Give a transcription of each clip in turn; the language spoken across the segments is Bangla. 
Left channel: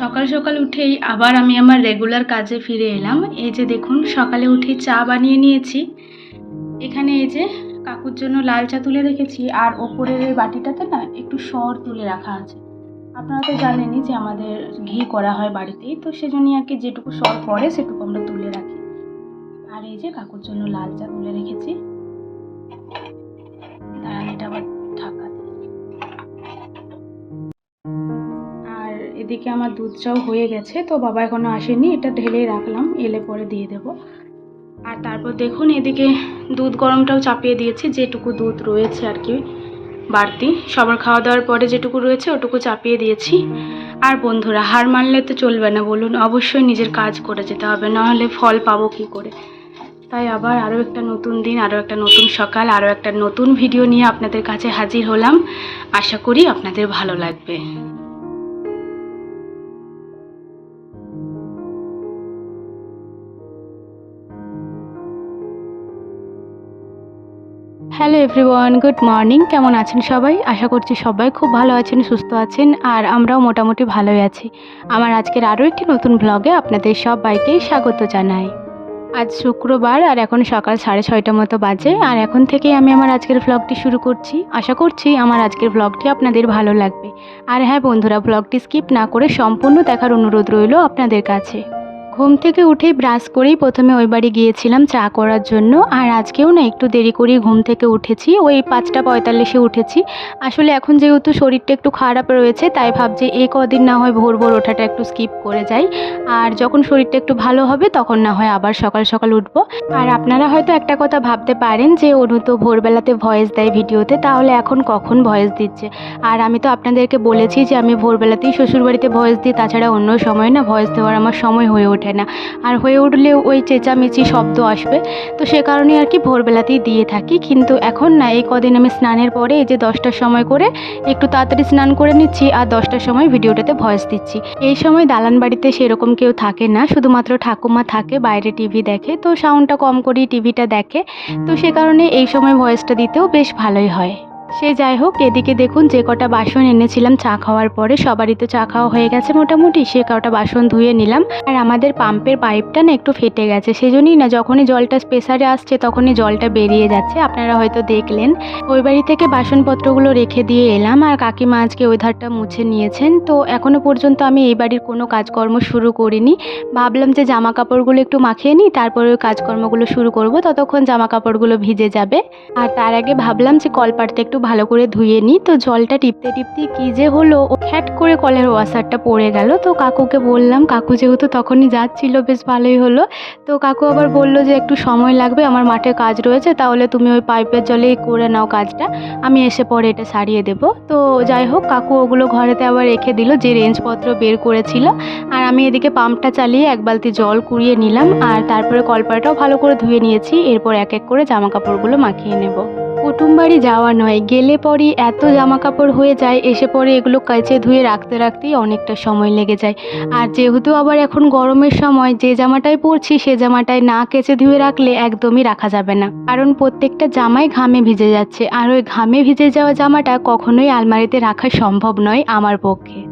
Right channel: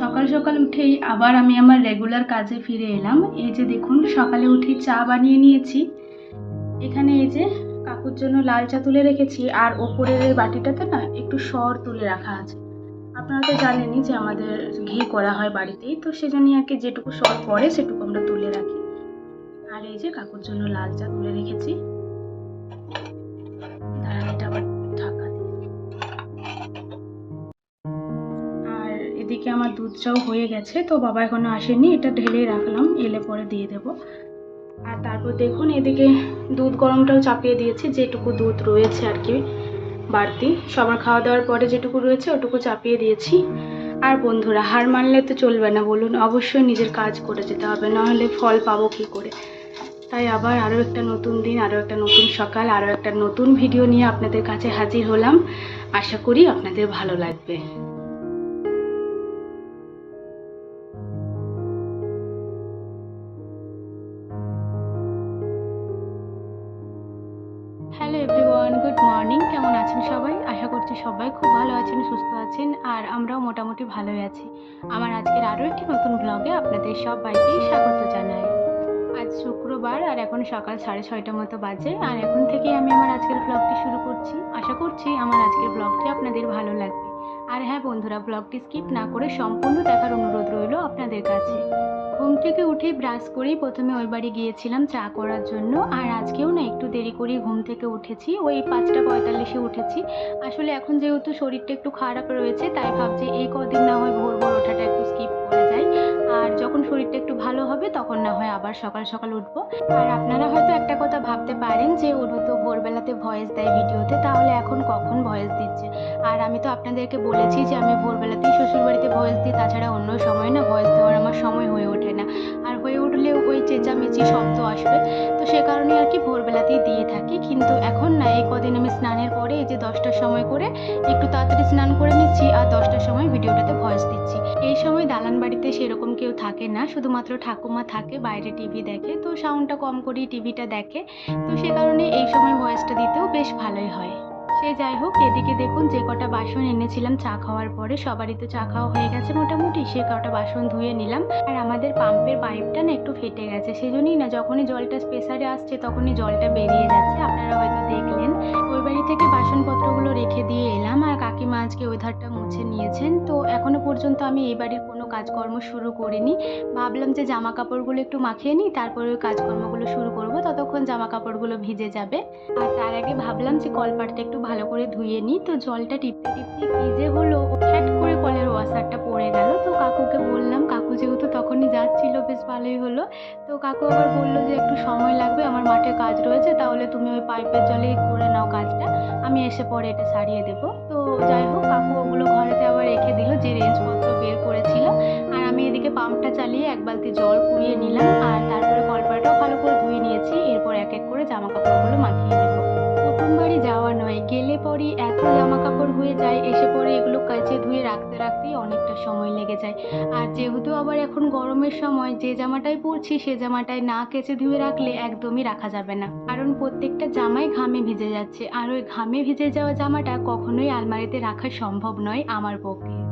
সকাল সকাল উঠেই আবার আমি আমার রেগুলার কাজে ফিরে এলাম। এই যে দেখুন, সকালে উঠে চা বানিয়ে নিয়েছি। এখানে এই যে কাকুর জন্য লাল চা তুলে রেখেছি, আর ওপরের এই বাটিটাতে না একটু সর তুলে রাখা আছে। আপনারা তো জানেনই যে আমাদের ঘি করা হয় বাড়িতেই, তো সেজন্যই আর কি যেটুকু সর পড়ে সেটুকু আমরা তুলে রাখি। আর এই যে কাকুর জন্য লাল চা তুলে রেখেছি। দাঁড়ান এদিকে আমার দুধ চাও হয়ে গেছে তো বাবা এখনও আসেনি এটা ঢেলেই রাখলাম এলে পরে দিয়ে দেব। আর তারপর দেখুন এদিকে দুধ গরমটাও চাপিয়ে দিয়েছি যেটুকু দুধ রয়েছে আর কি বাড়তি। সবার খাওয়া দাওয়ার পরে যেটুকু রয়েছে ওটুকু চাপিয়ে দিয়েছি। আর বন্ধুরা হার মানলে তো চলবে না বলুন অবশ্যই নিজের কাজ করে যেতে হবে নাহলে ফল পাবো কী করে? তাই আবার আরও একটা নতুন দিন আরও একটা নতুন সকাল আরও একটা নতুন ভিডিও নিয়ে আপনাদের কাছে হাজির হলাম। আশা করি আপনাদের ভালো লাগবে। Hello everyone, good morning. কেমন আছেন সবাই? আশা করছি সবাই খুব ভালো আছেন, সুস্থ আছেন, আর আমরাও মোটামুটি ভালোই আছি। আমার আজকের আরও একটি নতুন ব্লগে আপনাদের সবাইকেই স্বাগত জানাই। আজ শুক্রবার, আর এখন সকাল সাড়ে ছয়টা মতো বাজে, আর এখন থেকেই আমি আমার আজকের ব্লগটি শুরু করছি। আশা করছি আমার আজকের ব্লগটি আপনাদের ভালো লাগবে। আর হ্যাঁ বন্ধুরা ব্লগটি স্কিপ না করে সম্পূর্ণ দেখার অনুরোধ রইল আপনাদের কাছে। ঘুম থেকে উঠেই ব্রাশ করেই প্রথমে ওই বাড়ি গিয়েছিলাম চা করার জন্য। আর আজকেও না একটু দেরি করেই ঘুম থেকে উঠেছি। ওই পাঁচটা পঁয়তাল্লিশে উঠেছি। আসলে এখন যেহেতু শরীরটা একটু খারাপ রয়েছে, তাই ভাবছি এই কদিন না হয় ভোর ভোর ওঠাটা একটু স্কিপ করে যাই। আর যখন শরীরটা একটু ভালো হবে, তখন না হয় আবার সকাল সকাল উঠবো। আর আপনারা হয়তো একটা কথা ভাবতে পারেন যে, অনু তো ভোরবেলাতে ভয়েস দেয় ভিডিওতে, তাহলে এখন কখন ভয়েস দিচ্ছে? আর আমি তো আপনাদেরকে বলেছি যে, আমি ভোরবেলাতেই শ্বশুরবাড়িতে ভয়েস দিই, তাছাড়া অন্য সময় না ভয়েস দেওয়ার আমার সময় হয়ে ওঠে না। আর হয়ে উঠলেও ওই চেঁচামেচি শব্দ আসবে। তো সে কারণে আর কি ভোরবেলাতেই দিয়ে থাকি। কিন্তু এখন না, এই কদিন আমি স্নানের পরে এই যে দশটার সময় করে একটু তাড়াতাড়ি স্নান করে নিচ্ছি আর দশটার সময় ভিডিওটাতে ভয়েস দিচ্ছি। এই সময় দালান বাড়িতে সেরকম কেউ থাকে না। শুধুমাত্র ঠাকুমা থাকে, বাইরে টিভি দেখে। তো সাউন্ডটা কম করেই টিভিটা দেখে। তো সে কারণে এই সময় ভয়েসটা দিতেও বেশ ভালোই হয়। সে যাই হোক, এদিকে দেখুন যে কটা বাসন এনেছিলাম চা খাওয়ার পরে, সবারই তো চা খাওয়া হয়ে গেছে মোটামুটি, সে কটা বাসন ধুয়ে নিলাম। আর আমাদের পাম্পের পাইপটা না একটু ফেটে গেছে, সেজন্যই না যখনই জলটা প্রেসারে আসছে তখনই জলটা বেরিয়ে যাচ্ছে, আপনারা হয়তো দেখলেন। ওই বাড়ি থেকে বাসনপত্রগুলো রেখে দিয়ে এলাম, আর কাকিমা আজকে ওই ধারটা মুছে নিয়েছেন। তো এখনও পর্যন্ত আমি এই বাড়ির কোনো কাজকর্ম শুরু করিনি। ভাবলাম যে জামা কাপড়গুলো একটু মাখিয়ে নিই, তারপরে ওই কাজকর্মগুলো শুরু করব, ততক্ষণ জামা কাপড়গুলো ভিজে যাবে। আর তার আগে ভাবলাম যে কলপাটটা একটু ভালো করে ধুয়ে নিই। তো জলটা টিপতে টিপতে কী যে হলো, ও খ্যাট করে কলের ওয়াশারটা পড়ে গেল। তো কাকুকে বললাম, কাকু যেহেতু তখনই যাচ্ছিল, বেশ ভালোই হলো। তো কাকু আবার বলল যে, একটু সময় লাগবে, আমার মাঠে কাজ রয়েছে, তাহলে তুমি ওই পাইপের জলেই করে নাও কাজটা। আমি এসে পরে এটা সারিয়ে দেব। তো যাই হোক, কাকু ওগুলো ঘরেতে আবার রেখে দিল, যে রেঞ্জপত্র বের করেছিল। আর আমি এদিকে পাম্পটা চালিয়ে এক বালতি জল কুড়িয়ে নিলাম। আর তারপরে কলপাটাও ভালো করে ধুয়ে নিয়েছি। এরপর এক এক করে জামা কাপড়গুলো মাখিয়ে নেব। কুটুম বাড়ি যাওয়া নয়। গেলে পরই এত জামা কাপড় হয়ে যায়, এসে পরে এগুলো কাচে ধুয়ে রাখতে রাখতেই অনেকটা সময় লেগে যায়। আর যেহেতু আবার এখন গরমের সময়, যে জামাটাই পরছি সে জামাটায় না কেচে ধুয়ে রাখলে একদমই রাখা যাবে না। কারণ প্রত্যেকটা জামাই ঘামে ভিজে যাচ্ছে, আর ওই ঘামে ভিজে যাওয়া জামাটা কখনোই আলমারিতে রাখা সম্ভব নয় আমার পক্ষে।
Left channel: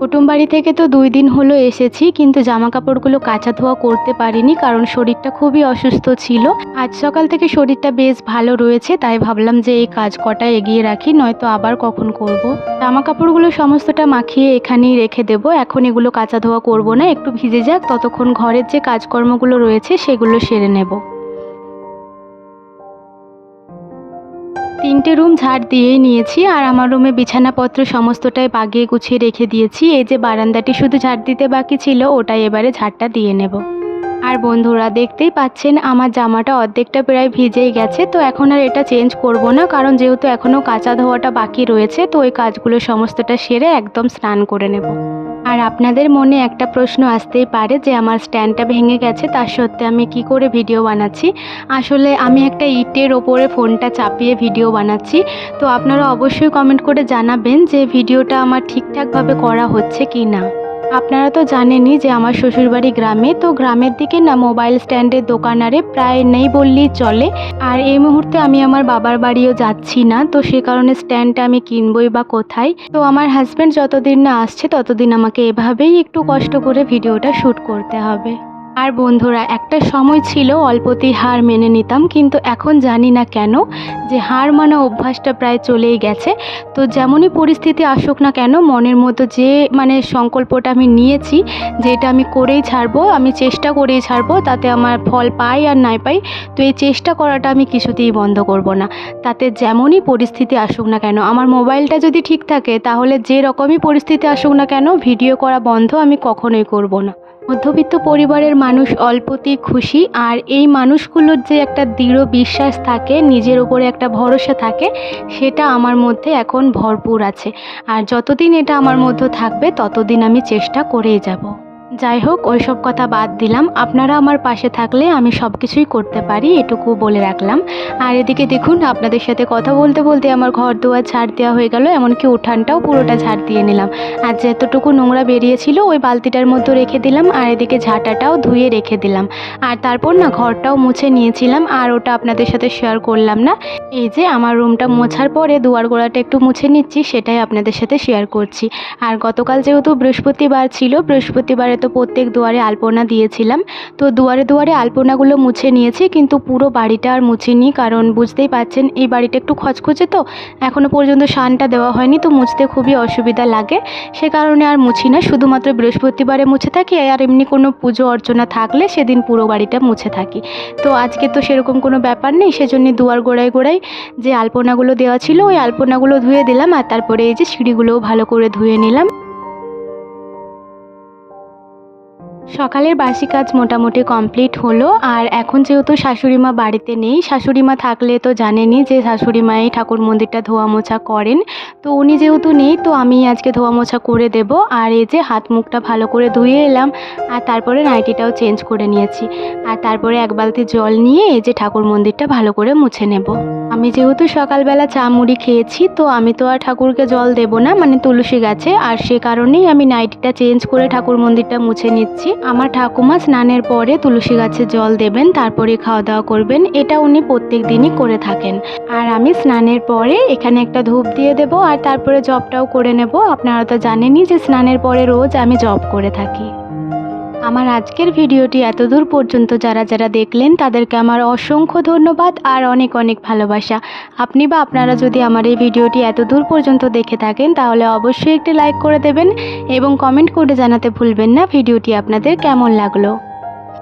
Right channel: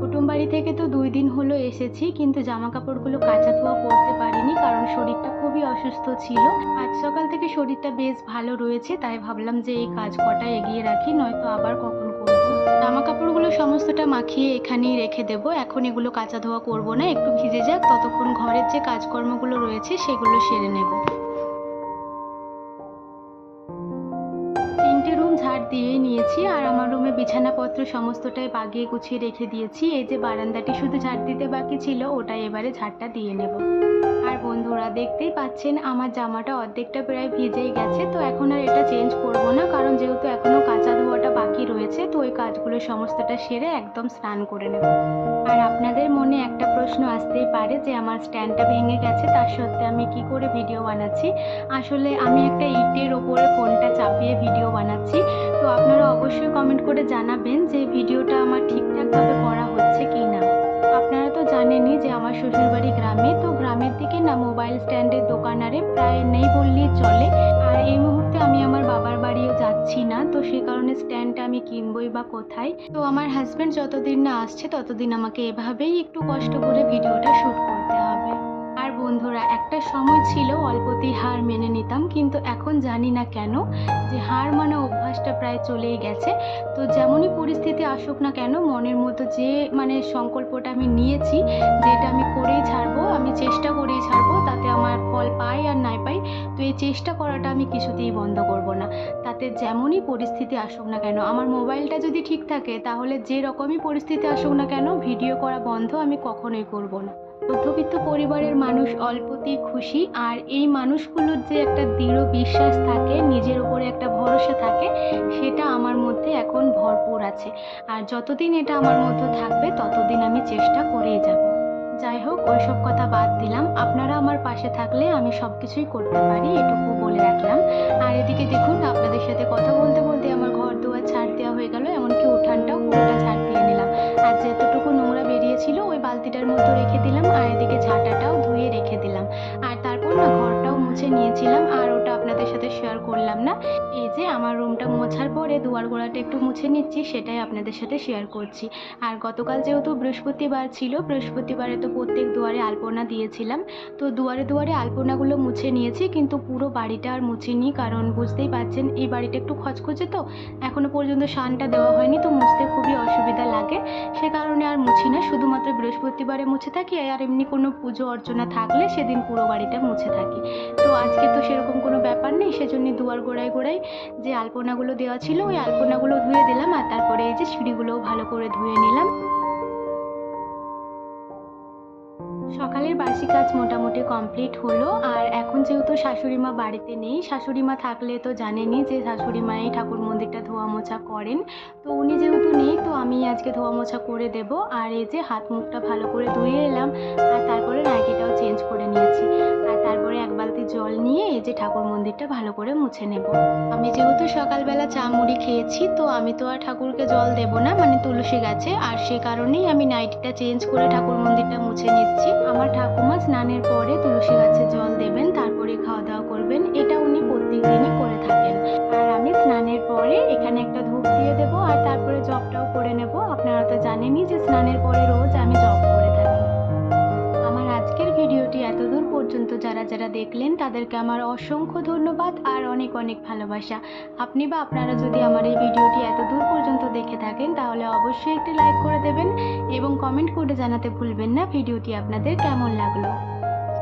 কুটুম বাড়ি থেকে তো দুই দিন হলো এসেছি, কিন্তু জামা কাপড়গুলো কাচা ধোয়া করতে পারিনি কারণ শরীরটা খুবই অসুস্থ ছিল আজ সকাল থেকে শরীরটা বেশ ভালো রয়েছে, তাই ভাবলাম যে এই কাজ কটা এগিয়ে রাখি, নয়তো আবার কখন করব। জামা কাপড়গুলো সমস্তটা মাখিয়ে এখানেই রেখে দেব, এখন এগুলো কাচা ধোয়া করব না, একটু ভিজে যাক, ততক্ষণ ঘরের যে কাজকর্মগুলো রয়েছে সেগুলো সেরে নেব তিনটে রুম ঝাড় দিয়েই নিয়েছি আর আমার রুমে বিছানাপত্র সমস্তটাই বাগিয়ে গুছিয়ে রেখে দিয়েছি। এই যে বারান্দাটি শুধু ঝাড় দিতে বাকি ছিল, ওটাই এবারে ঝাড়টা দিয়ে নেব। আর বন্ধুরা দেখতেই পাচ্ছেন, আমার জামাটা অর্ধেকটা প্রায় ভিজেই গেছে, তো এখন আর এটা চেঞ্জ করব না, কারণ যেহেতু এখনও কাঁচা ধোয়াটা বাকি রয়েছে, তো ওই কাজগুলো সমস্তটা সেরে একদম স্নান করে নেব। আর আপনাদের মনে একটা প্রশ্ন আসতেই পারে যে আমার স্ট্যান্ডটা ভেঙে গেছে, তার সত্ত্বে আমি কি করে ভিডিও বানাচ্ছি? আসলে আমি একটা ইটের ওপরে ফোনটা চাপিয়ে ভিডিও বানাচ্ছি। তো আপনারা অবশ্যই কমেন্ট করে জানাবেন যে ভিডিওটা আমার ঠিকঠাকভাবে করা হচ্ছে কি না আপনারা তো জানেনই যে আমার শ্বশুরবাড়ি গ্রামে, তো গ্রামের দিকে না মোবাইল স্ট্যান্ডের দোকান আরে প্রায় নেই বললেই চলে। আর এই মুহূর্তে আমি আমার বাবার বাড়িও যাচ্ছি না, তো সে কারণে স্ট্যান্ডটা আমি কিনবই বা কোথায়। তো আমার হাজব্যান্ড যতদিন না আসছে, ততদিন আমাকে এভাবেই একটু কষ্ট করে ভিডিওটা শ্যুট করতে হবে। আর বন্ধুরা, একটা সময় ছিল, অল্পতেই হার মেনে নিতাম, কিন্তু এখন জানি না কেন যে হার মানা অভ্যাসটা প্রায় চলেই গেছে। তো যেমনই পরিস্থিতি আসুক না কেন, মনের মতো যে মানে সংকল্পটা আমি নিয়েছি যে এটা আমি করেই ছাড়বো, আমি চেষ্টা করেই ছাড়বো, তাতে আমার ফল পাই আর নাই পাই, তো এই চেষ্টা করাটা আমি কিছুতেই বন্ধ করব না। তাতে যেমনই পরিস্থিতি আসুক না কেন, আমার মোবাইলটা যদি ঠিক থাকে, তাহলে যে রকমই পরিস্থিতি আসুক না কেন, ভিডিও করা বন্ধ আমি কখনোই করব না। মধ্যবিত্ত পরিবারের মানুষ অল্পতেই খুশি, আর এই মানুষগুলোর যে একটা দৃঢ় বিশ্বাস থাকে, নিজের ওপরে একটা ভরসা থাকে, সেটা আমার মধ্যে এখন ভরপুর আছে। আর যতদিন এটা আমার মধ্যে থাকবে, ততদিন আমি চেষ্টা করেই যাব। যাই হোক ওই সব কথা বাদ দিলাম। আপনারা আমার পাশে থাকলে আমি সব কিছুই করতে পারি, এটুকু বলে রাখলাম। আর এদিকে দেখুন, আপনাদের সাথে কথা বলতে বলতে আমার ঘর দুয়ার ঝাড় দেওয়া হয়ে গেল, এমনকি উঠানটাও পুরোটা ঝাড় দিয়ে নিলাম। আর যতটুকু নোংরা বেরিয়েছিল, ওই বালতিটার মধ্যে রেখে দিলাম, আর এদিকে ঝাঁটাটাও ধুয়ে রেখে দিলাম। আর তারপর না, ঘরটাও মুছে নিয়েছিলাম, আর ওটা আপনাদের সাথে শেয়ার করলাম না। এই যে, আমার রুমটা মোছার পরে দুয়ার গোড়াটা একটু মুছে নিচ্ছি, সেটাই আপনাদের সাথে শেয়ার করছি। আর গতকাল যেহেতু বৃহস্পতিবার ছিল, বৃহস্পতিবারে তো প্রত্যেক দুয়ারে আলপনা দিয়েছিলাম। তো দুয়ারে দুয়ারে আলপনাগুলো মুছে নিয়েছি, কিন্তু পুরো বাড়িটা আর মুছিনি, কারণ বুঝতেই পারছেন এই বাড়িটা একটু খচখচে তো এখনও পর্যন্ত সানটা দেওয়া হয়নি, তো মুছতে খুবই অসুবিধা লাগে। সে কারণে আর মুছি না, শুধুমাত্র বৃহস্পতিবারে মুছে থাকি, আর এমনি কোনো পুজো অর্চনা থাকলে সেদিন পুরো বাড়িটা মুছে থাকি। তো আজকে তো সেরকম কোনো ব্যাপার নেই, সেজন্য দুয়ার গোড়ায় গোড়ায় যে আলপনাগুলো দেওয়া ছিল, ওই আলপনাগুলো ধুয়ে দিলাম, আর তারপরে এই যে সিঁড়িগুলোও ভালো করে ধুয়ে নিলাম। সকালের বাসি কাজ মোটামুটি কমপ্লিট হলো, আর এখন যেহেতু শাশুড়ি মা বাড়িতে নেই শাশুড়ি মা থাকলে তো জানেনই যে শাশুড়ি মাই ঠাকুর মন্দিরটা ধোয়া মোছা করেন। তো উনি যেহেতু নেই, তো আমি আজকে ধোয়া মোছা করে দেব। আর এই যে হাত মুখটা ভালো করে ধুয়ে এলাম, আর তারপরে নাইটিটাও চেঞ্জ করে নিয়েছি। আর তারপরে এক বালতি জল নিয়ে এই যে ঠাকুর মন্দিরটা ভালো করে মুছে নেব। আমি যেহেতু সকালবেলা চা মুড়ি খেয়েছি, তো আমি তো আর ঠাকুরকে জল দেব না মানে তুলসী গাছে। আর সে কারণেই আমি নাইটিটা চেঞ্জ করে ঠাকুর মন্দিরটা মুছে নিচ্ছি। আমার ঠাকুমা স্নানের পরে তুলসী গাছে জল দেবেন, তারপরে খাওয়া দাওয়া করবেন। এটা উনি প্রত্যেক দিনই করে থাকেন। আর আমি স্নানের পরে এখানে একটা ধূপ দিয়ে দেব, আর তারপরে জবটাও করে নেব। আপনারা তো জানেনই যে স্নানের পরে রোজ আমি জব করে থাকি। আমার আজকের ভিডিওটি এতদূর পর্যন্ত যারা যারা দেখলেন, তাদেরকে আমার অসংখ্য ধন্যবাদ আর অনেক অনেক ভালোবাসা। আপনি বা আপনারা যদি আমার এই ভিডিওটি এতদূর পর্যন্ত দেখে থাকেন, তাহলে অবশ্যই একটি লাইক করে দেবেন এবং কমেন্ট করে জানাতে ভুলবেন না ভিডিওটি আপনাদের কেমন লাগল।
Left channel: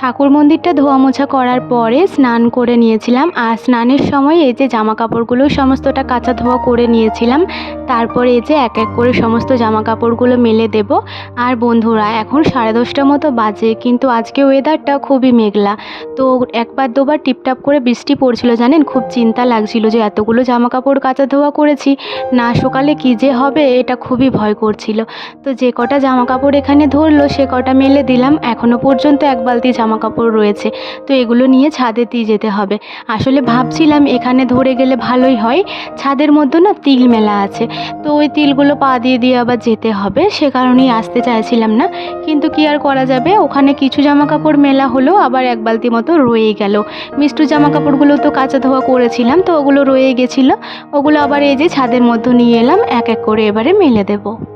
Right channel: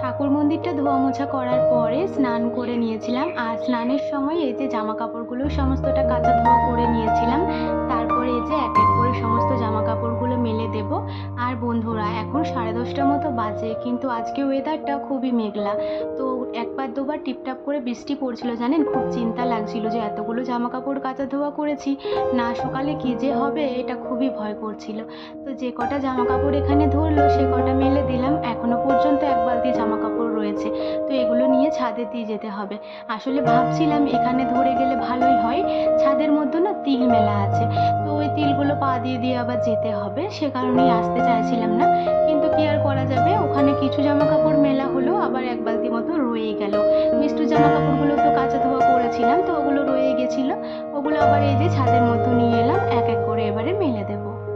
ঠাকুর মন্দিরটা ধোয়া মোছা করার পরে স্নান করে নিয়েছিলাম। আর স্নানের সময় এই যে জামা কাপড়গুলো সমস্তটা কাঁচা ধোয়া করে নিয়েছিলাম। তারপরে এই যে এক এক করে সমস্ত জামা কাপড়গুলো মেলে দেব। আর বন্ধুরা, এখন সাড়ে দশটা মতো বাজে, কিন্তু আজকে ওয়েদারটা খুবই মেঘলা। তো একবার দুবার টিপটাপ করে বৃষ্টি পড়ছিল, জানেন? খুব চিন্তা লাগছিল যে এতগুলো জামা কাপড় কাঁচা ধোয়া করেছি, না সকালে কী যে হবে, এটা খুবই ভয় করছিল। তো যে কটা জামা কাপড় এখানে ধরলো, সে কটা মেলে দিলাম। এখনও পর্যন্ত এক বালতি জামা কাপড় রয়েছে। তো এগুলো নিয়ে ছাদে দিয়ে যেতে হবে। আসলে ভাবছিলাম এখানে ধরে গেলে ভালোই হয়। ছাদের মধ্যে না তিল মেলা আছে। তো ওই তিলগুলো পা দিয়ে দিয়ে আবার যেতে হবে। সে কারণেই আসতে চাইছিলাম না। কিন্তু কি আর করা যাবে? ওখানে কিছু জামা কাপড় মেলা হলো, আবার এক বালতি মতো রয়েই গেল। মিষ্টু জামা কাপড়গুলো তো কাঁচা ধোয়া করেছিলাম, তো ওগুলো রয়ে গেছিল। ওগুলো আবার এই যে ছাদের মধ্যে নিয়ে এলাম, এক এক করে এবারে মেলে দেবো।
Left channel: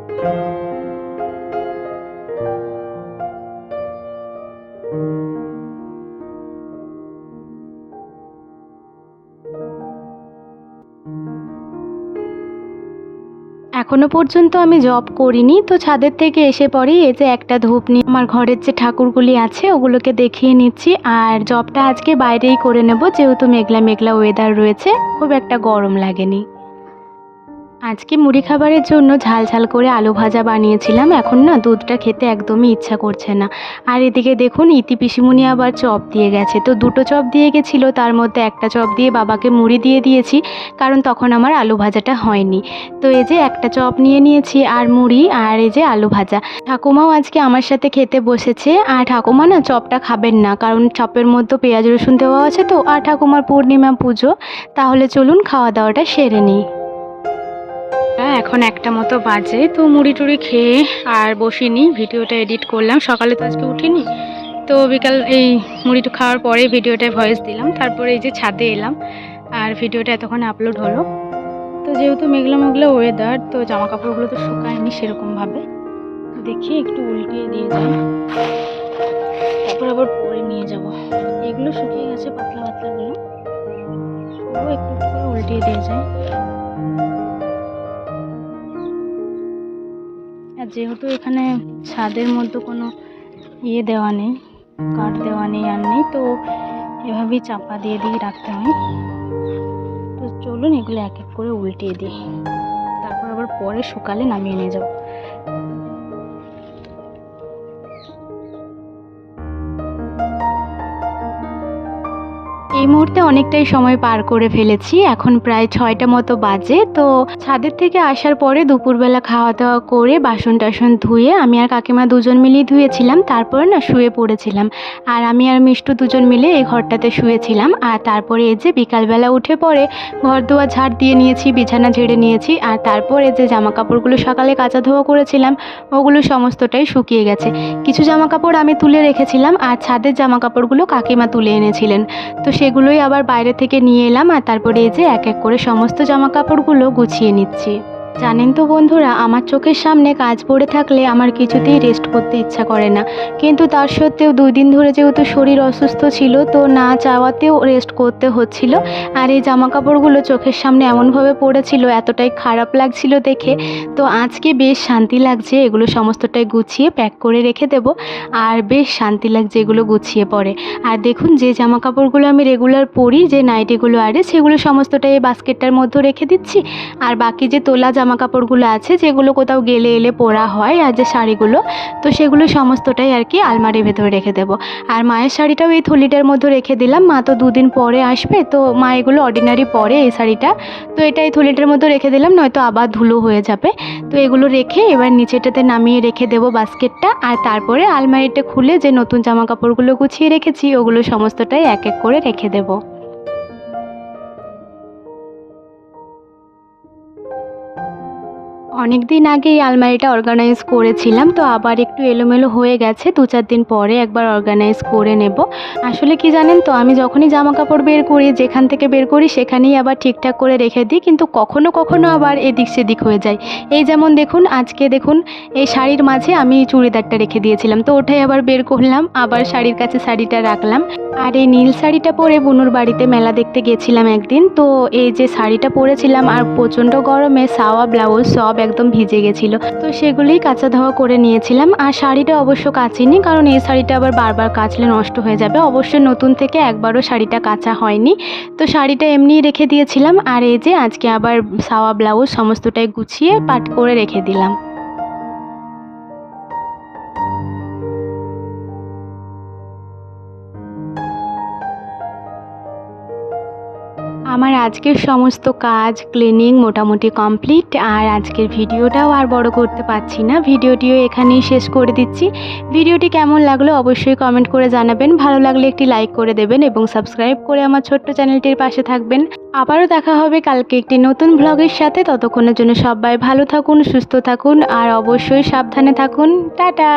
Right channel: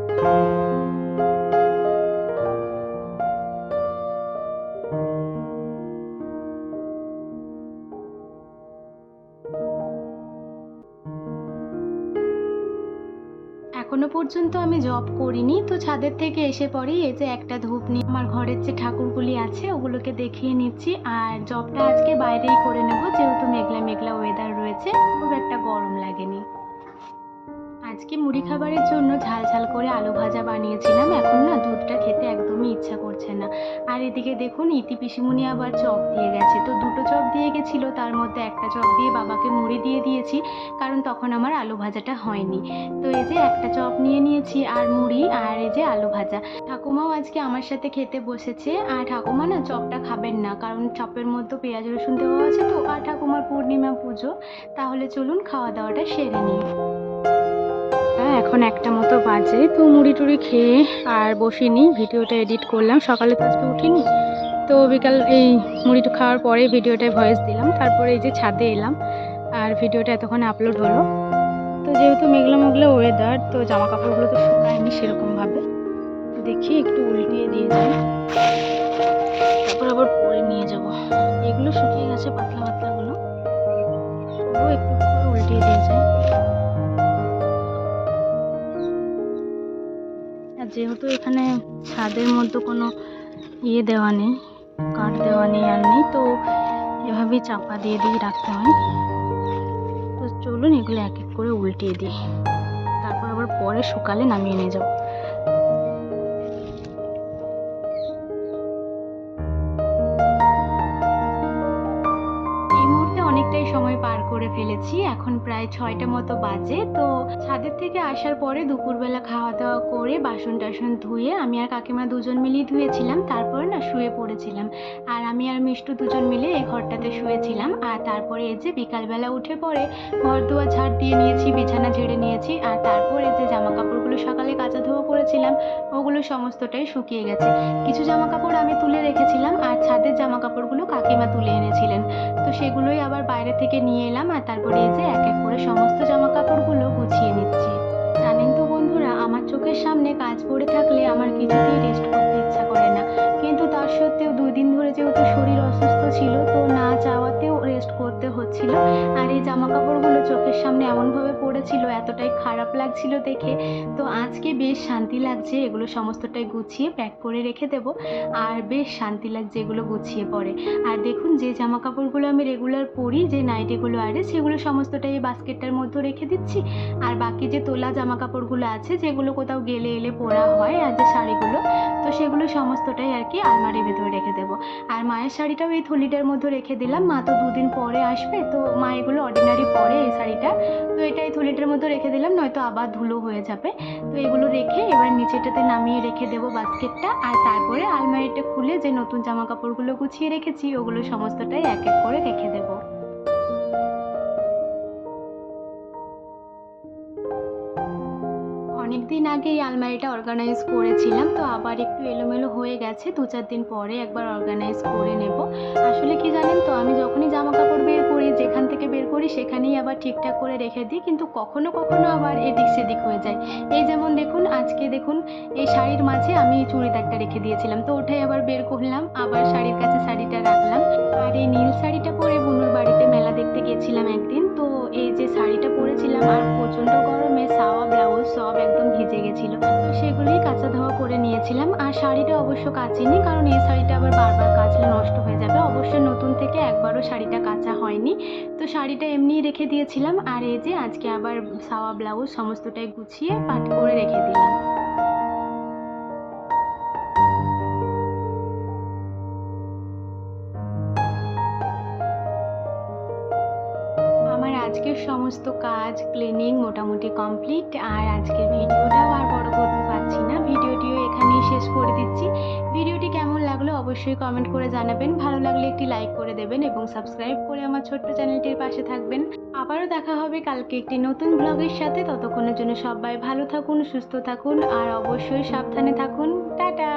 এখনও পর্যন্ত আমি জব করিনি, তো ছাদের থেকে এসে পরেই এই যে একটা ধূপ নিয়ে আমার ঘরের যে ঠাকুরগুলি আছে, ওগুলোকে দেখিয়ে নিচ্ছি। আর জবটা আজকে বাইরেই করে নেব, যেহেতু মেঘলা মেঘলা ওয়েদার রয়েছে, খুব একটা গরম লাগেনি। আজকে মুড়ি খাবারের জন্য ঝাল ঝাল করে আলু ভাজা বানিয়েছিলাম। এখন না দুধটা খেতে একদমই ইচ্ছা করছে না। আর এদিকে দেখুন, ইতি পিসিমুনি আবার চপ দিয়ে গেছে। তো দুটো চপ দিয়ে গেছিল, তার মধ্যে একটা চপ দিয়ে বাবাকে মুড়ি দিয়ে দিয়েছি, কারণ তখন আমার আলু ভাজাটা হয়নি। তো এই যে একটা চপ নিয়ে নিয়েছি, আর মুড়ি, আর এই যে আলু ভাজা। ঠাকুমাও আজকে আমার সাথে খেতে বসেছে, আর ঠাকুমা না চপটা খাবেন না, কারণ চপের মধ্যে পেঁয়াজ রসুন দেওয়া আছে তো, আর ঠাকুমার পূর্ণিমা পুজো। তাহলে চলুন খাওয়া দাওয়াটা সেরে নিই। এখন একটা মতো বাজে, তো মুড়ি টুড়ি খেয়ে আর বসিনি, ভিডিওটা এডিট করলাম, সকালে তো আজকে উঠিনি। তো বিকাল এই মুড়িটা খাওয়ার পরে ভিডিওটায় ভয়েস দিলাম, তারপরে এই যে ছাদে এলাম, আর ভিডিওটা এতক্ষণ আপলোড হলো। তো যেহেতু মেঘলা মেঘলা ওয়েদার তো জামা কাপড়গুলো তো শুকায়নি সেরকমভাবে। দেখি একটু উল্টিয়ে দিয়ে যাই। তারপর আবার পরে নিয়ে যাব। এগুলো শুকিয়ে গেছে পাতলা পাতলাগুলো। একটু উল্টিয়ে দিয়ে যায় যেহেতু এখানে ছাদের মধ্যে কোনো ইয়ে দেওয়া নেই, কাঠ দেওয়া নেই আর নেই, তো এভাবেই চাপা দিয়ে দিয়ে রাখতে হয়। তো চলুন এগুলো এক এক করে উল্টিয়ে দিই। তারপর আবার পরে শুকালে নামিয়ে নিয়ে যাব। মুহূর্তে অনেকটাই সময় পার করে ফেলেছি। এখন প্রায় ছয়টা মতো বাজে। তো ছাদের থেকে আসার পরে দুপুরবেলা খাওয়া দাওয়া করে বাসন টাসন ধুয়ে আমি আর কাকিমা দুজন মিলেই ধুয়েছিলাম। তারপরে না শুয়ে পড়েছিলাম। আর আমি আর মিষ্টু দুজন মিলে এই ঘরটাতে শুয়েছিলাম। আর তারপরে এই যে বিকালবেলা উঠে পরে ঘর ধোয়া ঝাড় দিয়ে নিয়েছি, বিছানা ঝেড়ে নিয়েছি। আর তারপরে যে জামা কাপড়গুলো সকালে কাচা ধোয়া করেছিলাম, ওগুলো সমস্তটাই শুকিয়ে গেছে। কিছু জামা কাপড় আমি তুলে রেখেছিলাম। আর ছাদের জামা কাপড়গুলো কাকিমা তুলে এনেছিলেন। তো সেগুলোই আবার বাইরে থেকে নিয়ে এলাম আর তারপরে এই যে এক এক করে সমস্ত জামা কাপড়গুলো গুছিয়ে নিচ্ছি। জানেন তো বন্ধুরা, আমার চোখের সামনে কাজ পড়ে থাকলে আমার কিছুতেই রেস্ট করতে ইচ্ছা করে না। কিন্তু তার সত্ত্বেও দুই দিন ধরে যেহেতু শরীর অসুস্থ ছিল, তো না চাওয়াতেও রেস্ট করতে হচ্ছিল। আর এই জামা কাপড়গুলো চোখের সামনে এমনভাবে পড়েছিল, এতটাই খারাপ লাগছিল দেখে। তো আজকে বেশ শান্তি লাগছে, এগুলো সমস্তটাই গুছিয়ে প্যাক করে রেখে দেব। আর বেশ শান্তি লাগছে এগুলো গুছিয়ে পরে। আর দেখুন, যে জামা কাপড়গুলো আমি রেগুলার পরি, যে নাইটিগুলো আরে, সেগুলো সমস্তটাই বাস্কেটটার মধ্যে রেখে দিচ্ছি। আর বাকি যে তোলা জামা কাপড়গুলো আছে, যেগুলো কোথাও গেলে এলে পরা হয় আর যে শাড়িগুলো, তো সেগুলো সমস্তটাই আর কি আলমারির ভেতরে রেখে দেবো। আর মায়ের শাড়িটাও এই থলিটার মধ্যে রেখে দিলাম। মা তো দুদিন পরে আসবে, তো মা এগুলো অর্ডিনারি পরে এই শাড়িটা। তো এটা এই থলিটার মধ্যে রেখে দিলাম, নয়তো আবার ধুলো হয়ে যাবে। তো এগুলো রেখে এবার নিচেটাতে নামিয়ে রেখে দেবো বাস্কেটটা। আর তারপরে আলমারিটা খুলে যে নতুন জামা কাপড়গুলো গুছিয়ে রেখেছি, ওগুলো সমস্তটাই এক এক করে রেখে দেবো। অনেক দিন আগে এই আলমারিটা অর্গানাইজ করেছিলাম, তো আবার একটু এলোমেলো হয়ে গেছে। দু চার দিন পরে একবার অর্গানাইজ করে নেব। আসলে কি জানেন তো, আমি যখনই জামা কাপড় বের করি, যেখান থেকে বের করি, সেখানেই আবার ঠিকঠাক করে রেখে দিই, কিন্তু কখনো কখনো আবার এদিক সেদিক হয়ে যায়। এই যেমন দেখুন, আজকে দেখুন, এই শাড়ির মাঝে আমি চুড়িদারটা রেখে দিয়েছিলাম, তো ওটাই আবার বের করলাম, আবার শাড়ির কাছে শাড়িটা রাখলাম। আর এই নীল শাড়িটা পরে বুনুর বাড়িতে মেলা দেখতে গেছিলাম একদিন, তো এই যে শাড়িটা পরেছিলাম, আর প্রচণ্ড গরমে, সাওয়া, ব্লাউজ সব একদম ভিজে গেছিল। তো সেগুলোই কাঁচা ধোয়া করে নিয়েছিলাম। আর শাড়িটা অবশ্য কাচিনি, কারণ এই শাড়িটা আবার বারবার কাচলে নষ্ট হয়ে যাবে। অবশ্যই নতুন থেকে একবারও শাড়িটা কাঁচা হয়নি। তো শাড়িটা এমনিই রেখে দিয়েছিলাম। আর এই যে আজকে আবার সাওয়া ব্লাউজ, সমস্তটাই গুছিয়ে পাট করে রেখে দিলাম। আজকের সমস্ত কাজ ক্লিনিং মোটামুটি কমপ্লিট আর আজকের ভিডিওটাও আর বড় করতে পারছি না। ভিডিওটিও এখানেই শেষ করে দিচ্ছি। ভিডিওটি কেমন লাগল অবশ্যই কমেন্ট করে জানাবেন। ভালো লাগলে একটি লাইক করে দেবেন এবং সাবস্ক্রাইব করে আমার ছোট্ট চ্যানেলটির পাশে থাকবেন। আবারও দেখা হবে কালকে একটি নতুন ব্লগের সাথে। ততক্ষণের জন্য সবাই ভালো থাকুন, সুস্থ থাকুন আর অবশ্যই সাবধানে থাকুন। টাটা!